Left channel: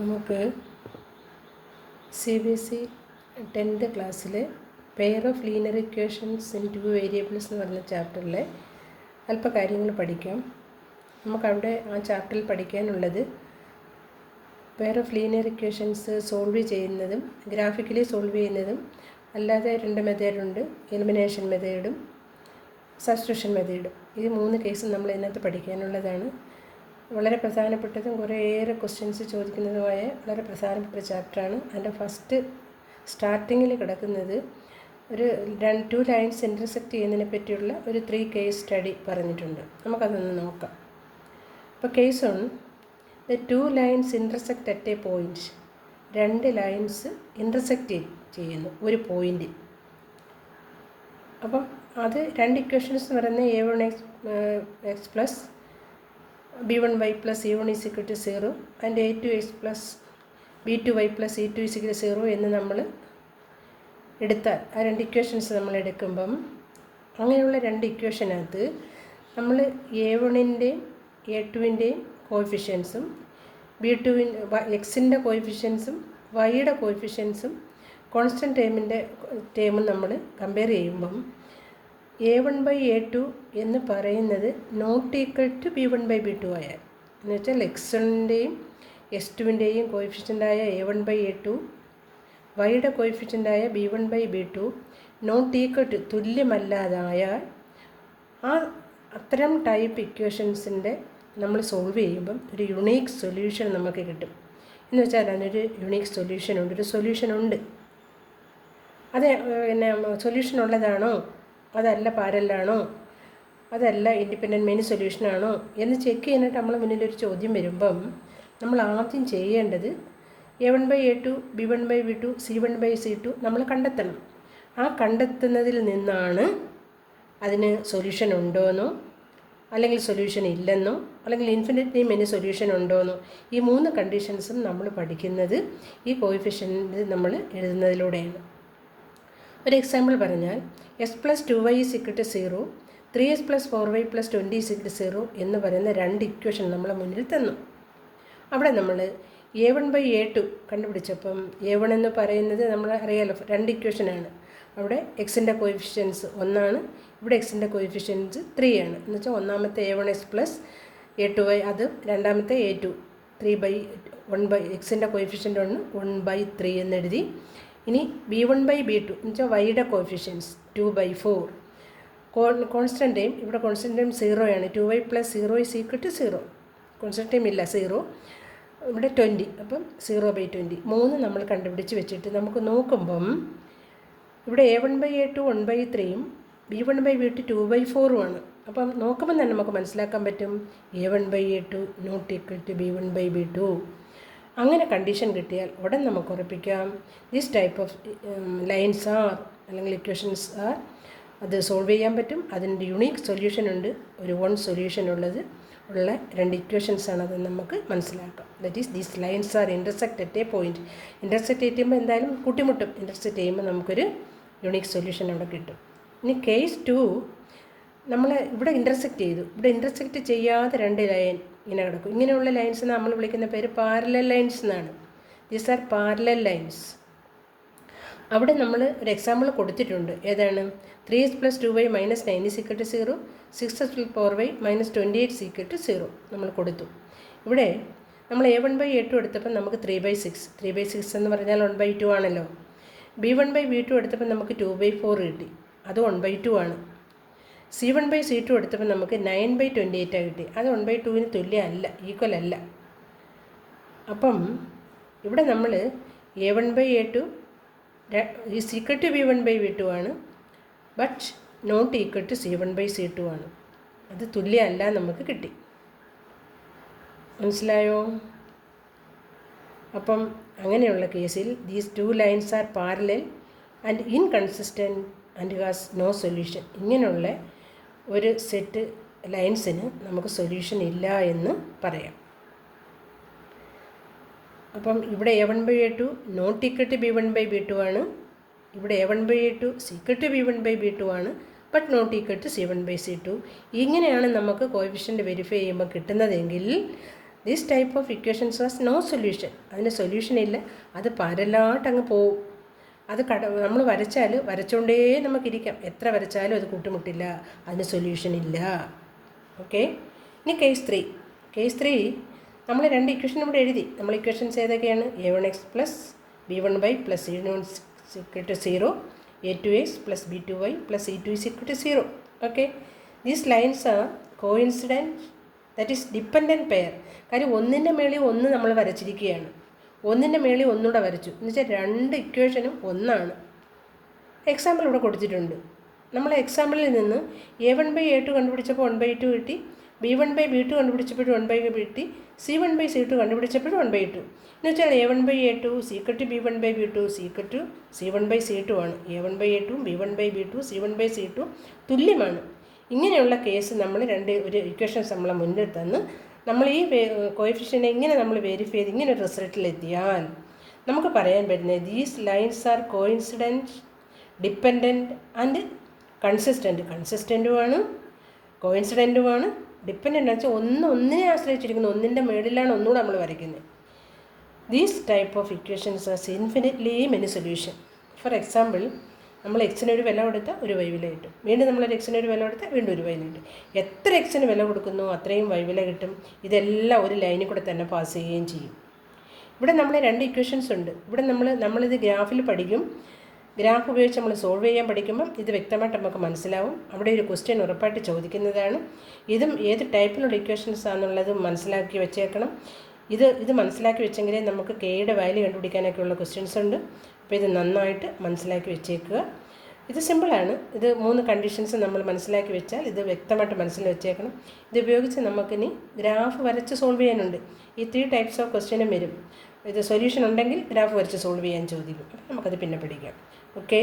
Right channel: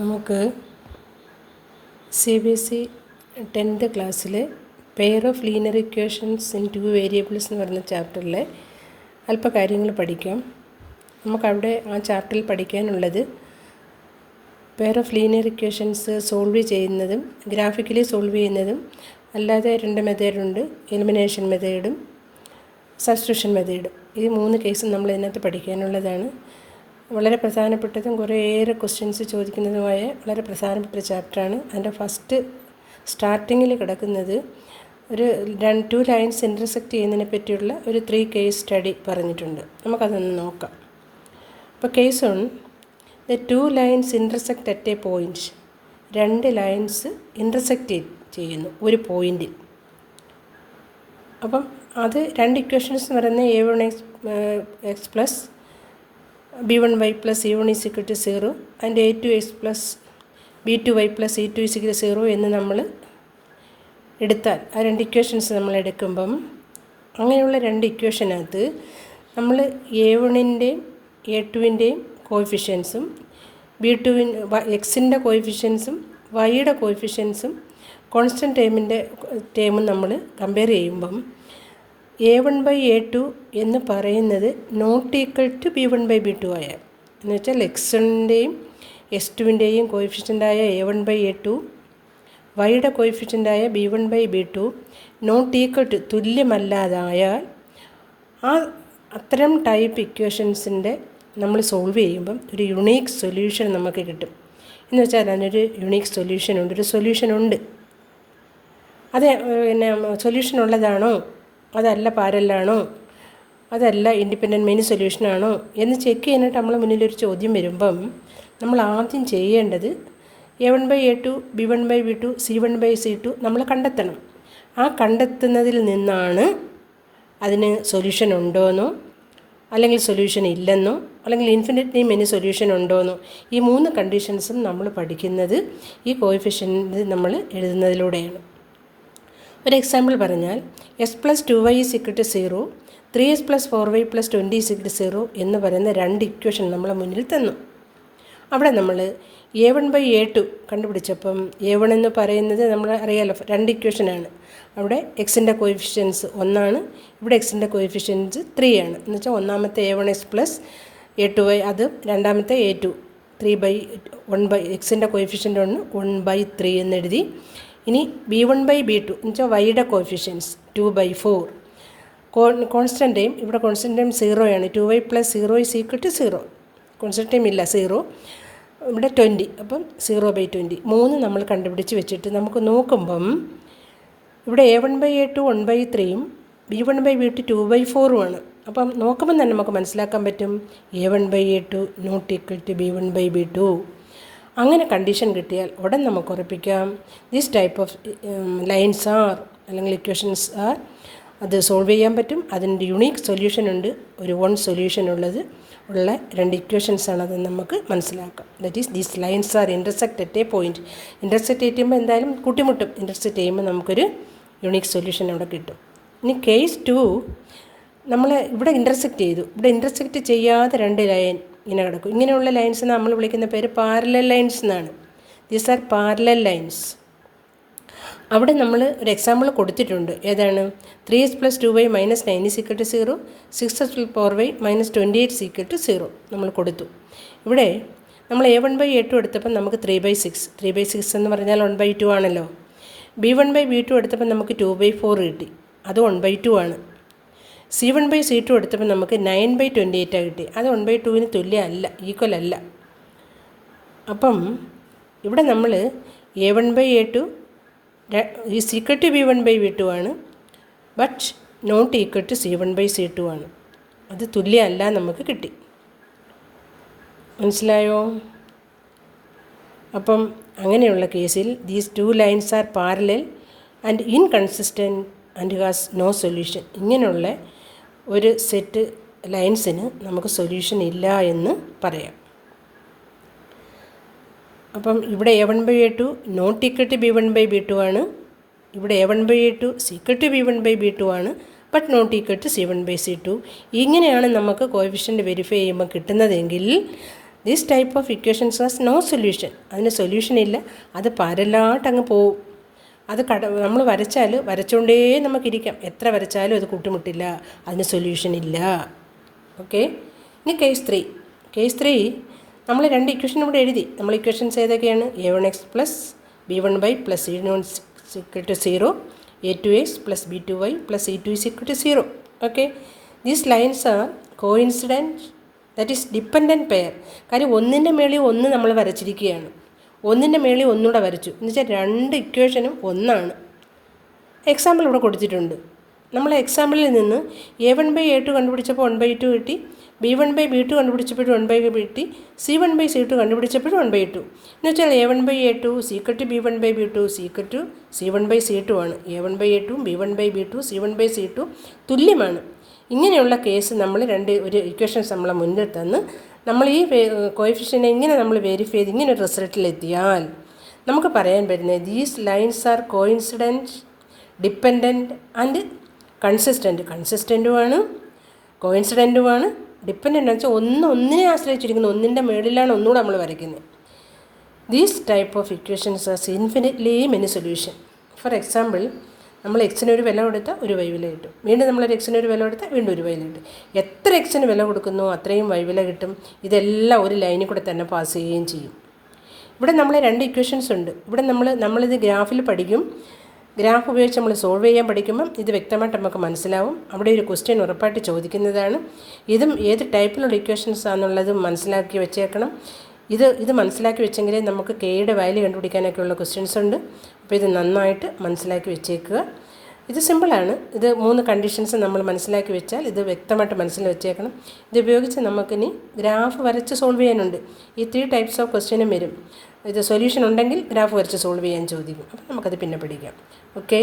നമുക്ക് CBSE 10th ക്ലാസ്സിൽ pair of linear equations in 2 variables എന്ന് പറയുന്ന ചാപ്റ്ററിലെ അല്പ കാര്യങ്ങൾ പഠിക്കാം. നമുക്കവിടെ ആ ചാപ്റ്ററിൽ പഠിക്കാനുള്ളത് pair of linear equations solve ചെയ്യുന്നതും ഗ്രാഫിക്കലി സോൾവ് ചെയ്യുന്നതും അല്ലാതെ 2 മെത്തേഡുണ്ട്, എലിമിനേഷൻ മെത്തേഡും സബ്സ്റ്റിറ്റ്യൂഷൻ മെത്തേഡും. ഈ 3 കേസും നമ്മൾ ഇതിനകത്ത് പഠിക്കാനുള്ളതാണ്. വളരെ പ്രധാനപ്പെട്ടതും കുറേയേറെ ക്വസ്റ്റ്യൻസ് ചോദിക്കുന്നതുമായ വളരെ പ്രധാനപ്പെട്ട ചാപ്റ്ററാണ്. അതിൻ്റെ ഫസ്റ്റ് സ്റ്റാർട്ടിങ്ങിൽ കിടക്കുന്നത് ഒരു 2 ലൈൻസ് ഇൻ്റർസെക്റ്റ് ചെയ്യുന്നതിനെ പറ്റിയുള്ള ഒരു 3 കേസ് സ്റ്റഡി പറഞ്ഞിട്ടുണ്ട്. നമുക്കതൊന്ന് നോക്കാം. അപ്പോൾ case 1, the 2 lines intersect at A point. 2 lines intersect ചെയ്യുന്നു ഒരു പോയിൻറ്റിൽ. അപ്പം അത് 2 ഇക്വേഷൻസ് എന്ന് പറയുന്നത് a1x plus b1y plus c1 is equal to 0 and a2x plus b2y plus c2 is equal to 0 എന്ന് നമ്മൾ എടുത്താൽ ആ 2 ഇക്വേഷൻസ് നമ്മൾ എടുക്കുമ്പം അങ്ങനെയുള്ള 2 ഇക്വേഷനകത്ത് നമ്മൾ a1ൻ്റെയും a2ൻ്റെയും കോഎഫിഷ്യൻസും എക്സിൻ്റെ കോഎഫിഷ്യൻസും വൈയുടെ കോഎഫിഷ്യൻസും കോൺസ്റ്റൻറ്റ് ടേമും നമ്മൾ കമ്പയർ ചെയ്യുമ്പം a1/a2 എന്ന് പറയുന്നത് നോട്ട് ഈക്വൽ ടു b1/b2 ആയാൽ, എന്ന് വെച്ചാൽ എക്സിൻ്റെയും s2ൻ്റെയും കോഎഫിഷ്യൻ്റായ a1/a2 വൈയുടെ കോഎഫിഷ്യൻ്റായ b1/b2 നോട്ട് ഈക്വൽ ടു തുല്യമല്ലാതായാൽ അത്തരം ടൈപ്പ് ഇക്വേഷൻസിൻ്റെ നമ്മൾ സോൾവ് ചെയ്യുമ്പം ഒരു യുണീക്ക് സൊല്യൂഷൻ നമുക്ക് കിട്ടും. എന്ന് വെച്ചാൽ അതിനൊരു യുണീക്ക് സൊല്യൂഷനുണ്ട്, ഒരു സൊല്യൂഷനുണ്ട്. അത് പിന്നെ സൊല്യൂഷൻ ഉള്ളതാണോ, അതല്ല പാരലാണോ, അതല്ല ഇൻഡിപെൻഡൻറ്റ് മെനി സൊല്യൂഷനാണോ എന്ന് ചെക്ക് ചെയ്യാനായിട്ട് നമ്മൾ മുന്നിലൊരു ചോദ്യം വരുമ്പം നമ്മൾ ആദ്യം ചെയ്യേണ്ടത് a1/a2 b1/b2 c1/c2 നമ്മൾ കണ്ടെത്തണം. ആ കണ്ടെത്തുന്നതിൽ നിന്നാണ് അതിന് സൊല്യൂഷൻ ഉണ്ടോയെന്നോ അല്ലെങ്കിൽ സൊല്യൂഷൻ ഇല്ലെന്നോ അല്ലെങ്കിൽ ഇൻഫിനിറ്റ്ലി മെനി സൊല്യൂഷൻ ഉണ്ടോയെന്നോ ഈ 3 കണ്ടീഷൻസും നമ്മൾ പഠിക്കുന്നത് ഈ കോഎഫിഷ്യൻ്റ് നമ്മൾ എഴുതുന്നതിലൂടെയാണ്. ഒരു എക്സാമ്പിൾ പറഞ്ഞാൽ s plus 2y is equal to 0, 3s plus 4y plus 20 is equal to 0 എന്ന് പറയുന്ന 2 ഇക്വേഷൻ നമ്മളെ മുന്നിൽ തന്നു. അവിടെ നമ്മൾ a1/a2 കണ്ടുപിടിച്ചപ്പം a1 എന്ന് പറയുന്നത് നമ്മൾ അറിയാലോ 2 ഇക്വേഷനാണ്. അവിടെ എക്സിൻ്റെ കോഎഫിഷ്യൻസ് 1 ഇവിടെ എക്സിൻ്റെ കോഎഫിഷ്യൻസ് 3 ആണ്. എന്ന് വെച്ചാൽ ഒന്നാമത്തെ a1x പ്ലസ് a2y, അത് രണ്ടാമത്തെ a2 3/1 എക്സിൻ്റെ കോഎഫിഷ്യൻ്റ് 1/3 എന്നെഴുതി. ഇനി b1/b2 എന്ന് വെച്ചാൽ വൈയുടെ കോഎഫിഷ്യൻസ് 2/4. കോൺസ്റ്റൻ്റ് ടൈം ഇവിടെ കോൺസ്റ്റൻ്റ് ടൈം 0 ആണ്. 2y plus 0 is equal to 0. Constant time ഇല്ല, 0. ഇവിടെ 20, അപ്പം 0/20. 3 നമ്മൾ കണ്ടുപിടിച്ച് വെച്ചിട്ട് നമുക്ക് നോക്കുമ്പം ഇവിടെ a1/a2 1/3ഉം b1/b2 2/4ഉമാണ്. അപ്പം നോക്കുമ്പം തന്നെ നമുക്ക് മനസ്സിലാക്കാൻ പറ്റും a1/a2 not equal to b1/b2. അങ്ങനെ കണ്ടീഷൻ കിട്ടിയാൽ ഉടൻ നമുക്ക് ഉറപ്പിക്കാം this type of lines are അല്ലെങ്കിൽ ഇക്വേഷൻസ് ആർ, അത് സോൾവ് ചെയ്യാൻ പറ്റും. അതിൻ്റെ യുണീക്ക് സൊല്യൂഷൻ ഉണ്ട്, ഒരു 1 സൊല്യൂഷൻ ഉള്ള 2 ഇക്വേഷൻസാണ്. അത് നമുക്ക് മനസ്സിലാക്കാം. That is these lines R intersect at A point. Intersect ചെയ്യുമ്പോൾ എന്തായാലും കൂട്ടിമുട്ടും. ഇൻ്റർസെക്റ്റ് ചെയ്യുമ്പോൾ നമുക്കൊരു യുണീക്ക് സൊല്യൂഷൻ അവിടെ കിട്ടും. ഇനി കേസ് 2, നമ്മൾ ഇവിടെ ഇൻ്റർസെക്റ്റ് ചെയ്തു. ഇവിടെ ഇൻ്റർസെക്റ്റ് ചെയ്യാതെ 2 ലൈൻ ഇങ്ങനെ കിടക്കും. ഇങ്ങനെയുള്ള ലൈൻസ് നമ്മൾ വിളിക്കുന്ന പേര് പാരലൽ ലൈൻസ് എന്നാണ്. These are parallel lines. അവിടെ നമ്മൾ ഒരു എക്സാമ്പിൾ കൊടുത്തിട്ടുണ്ട്. ഏതാണ്? 3s plus 2y minus 9 is equal to 0, 6s plus 4y minus 28 is equal to 0 നമ്മൾ കൊടുത്തു. ഇവിടെ നമ്മൾ a1/a2 എടുത്തപ്പോൾ നമുക്ക് 3/6 എന്ന് പറഞ്ഞാൽ 1/2 ആണല്ലോ. b1/b2 എടുത്തപ്പോൾ നമുക്ക് 2/4 കിട്ടി, അത് 1/2 ആണ്. c1/c2 എടുത്തപ്പോൾ നമുക്ക് 9/28 കിട്ടി, അത് 1/2ന് തുല്യമല്ല, ഈക്വൽ അല്ല. അപ്പം ഇവിടെ നമ്മൾ a1/a2 is equal to b1/b2 ആണ്, but not equal to c1/c2 ആണ്. അത് തുല്യമല്ല നമുക്ക് കിട്ടി. മനസ്സിലായോ? അപ്പം അങ്ങനെയുള്ള കേസിൽ these 2 lines are parallel and inconsistent and has no solution. ഇങ്ങനെയുള്ള ഒരു സെറ്റ് ലൈൻസിന് നമുക്ക് സൊല്യൂഷൻ ഇല്ല എന്ന് പറയാം. അപ്പം ഇവിടെ a1/a2 not equal to b1/b2 ആണ്. ഇവിടെ a1/a2 ഈക്വൽ ടു b1/b2 ആണ്, but not equal to c1/c2. ഇങ്ങനെയാണ് നമുക്ക് കോഎഫിഷ്യൻ്റ് വെരിഫൈ ചെയ്യുമ്പോൾ കിട്ടുന്നതെങ്കിൽ this type of equations has no solution. അതിന് സൊല്യൂഷൻ ഇല്ല, അത് പരലാട്ടങ്ങ് പോവും. അത് നമ്മൾ വരച്ചുകൊണ്ടേ നമുക്കിരിക്കാം, എത്ര വരച്ചാലും അത് കൂട്ടിമുട്ടില്ല, അതിന് സൊല്യൂഷൻ ഇല്ല. ഓക്കെ. ഇനി കേസ് 3 നമ്മൾ 2 ഇക്വേഷൻ ഇവിടെ എഴുതി. നമ്മൾ ഇക്വേഷൻസ് ഏതൊക്കെയാണ്? a1x plus b1y plus c1 0, a2x plus b2y plus c2 0. Okay. These lines are coincident, that is dependent pair. കാര്യം ഒന്നിൻ്റെ മേളിൽ ഒന്ന് നമ്മൾ വരച്ചിരിക്കുകയാണ്, ഒന്നിൻ്റെ മേളിൽ ഒന്നുകൂടെ വരച്ചു എന്ന് വെച്ചാൽ 2 ഇക്വേഷനും ഒന്നാണ്. എക്സാമ്പിൾ ഇവിടെ കൊടുത്തിട്ടുണ്ട്. നമ്മൾ എക്സാമ്പിളിൽ നിന്ന് a1/a2 കണ്ടുപിടിച്ചപ്പോൾ 1/2 കിട്ടി, b1/b2 കണ്ടുപിടിച്ചപ്പോഴും 1/2 കിട്ടി, c1/c2 കണ്ടുപിടിച്ചപ്പോഴും 1/2. എന്ന് വെച്ചാൽ a1/a2 സീക്വറ്റ് b1/b2 സീക്വറ്റ് c1/c2 ആണ്. a1/a2 b1/b2 c1/c2 തുല്യമാണ്. ഇങ്ങനെയുള്ള കേസ് നമ്മൾ ഒരു ഇക്വേഷൻസ് നമ്മളെ മുന്നിൽ തന്ന് നമ്മൾ ഈ കോഎഫിഷ്യനെ ഇങ്ങനെ നമ്മൾ വെരിഫൈ ചെയ്ത് ഇങ്ങനെ ഒരു റിസൾട്ടിലെത്തിയാൽ നമുക്ക് പറയാൻ പറ്റുന്നത് these lines are coincident, dependent and കൺസിസ്റ്റൻറ്റുമാണ്, കോയിൻസിഡൻറ്റുമാണ്. ഡിപ്പെൻഡൻ്റ് എന്ന് വെച്ചാൽ ഒന്നിനെ ആശ്രയിച്ചിരിക്കുന്നു, ഒന്നിൻ്റെ മേളിലാണ് ഒന്നുകൂടെ നമ്മൾ വരയ്ക്കുന്നത്. These type of equations are infinitely many solution. For example, നമ്മൾ എക്സിന് ഒരു വില കൊടുത്താൽ ഒരു വൈ വില കിട്ടും, വീണ്ടും നമ്മളൊരു എക്സിന് ഒരു വില കൊടുത്താൽ വീണ്ടും ഒരു വൈ വില കിട്ടും. എത്ര എക്സിന് വില കൊടുക്കുന്നു അത്രയും വൈ വില കിട്ടും. ഇതെല്ലാം ഒരു ലൈനിൽ കൂടെ തന്നെ പാസ് ചെയ്യുകയും ചെയ്യും. ഇവിടെ നമ്മൾ 2 ഇക്വേഷൻസ് ഉണ്ട്. ഇവിടെ നമ്മളിത് ഗ്രാഫിൽ പഠിക്കും. ഗ്രാഫ് ഉപയോഗിച്ച് നമ്മൾ സോൾവ് ചെയ്യാൻ പഠിക്കുമ്പം ഇത് വ്യക്തമായിട്ട് നമുക്ക് മനസ്സിലാവും. അവിടെ ഒരു ക്വസ്റ്റ്യൻ ഉറപ്പായിട്ട് ചോദിക്കുന്നതാണ്. ഇതും ഏത് ടൈപ്പിലുള്ള ഇക്വേഷൻസ് ആണെന്നുള്ളത് മനസ്സിലാക്കി വെച്ചേക്കണം. ഇത് മനസ്സിലാക്കി വെച്ചെങ്കിലേ നമുക്ക് കെയുടെ വാല്യൂ കണ്ടുപിടിക്കാനൊക്കെയുള്ള ക്വസ്റ്റ്യൻസ് ഉണ്ട്. അപ്പോൾ ഇത് നന്നായിട്ട് മനസ്സിലാക്കി വെച്ചേക്കുക. ഇത് സിമ്പിളാണ്. ഇത് 3 കണ്ടീഷൻസ് നമ്മൾ മനസ്സിലാക്കി വെച്ചാൽ ഇത് വ്യക്തമായിട്ട് മനസ്സിൽ വെച്ചേക്കണം. ഇത് ഉപയോഗിച്ച് നമുക്കിനി ഗ്രാഫ് വരച്ച് സോൾവ് ചെയ്യാനുണ്ട്. ഈ 3 ടൈപ്സ് ഓഫ് ക്വസ്റ്റ്യനും വരും. ഇത് സൊല്യൂഷൻ ഉണ്ടെങ്കിൽ ഗ്രാഫ് വരച്ച് സോൾവ് ചെയ്യാൻ ചോദിക്കും. അപ്പോൾ നമുക്കത് പിന്നെ പഠിക്കാം. ഓക്കെ.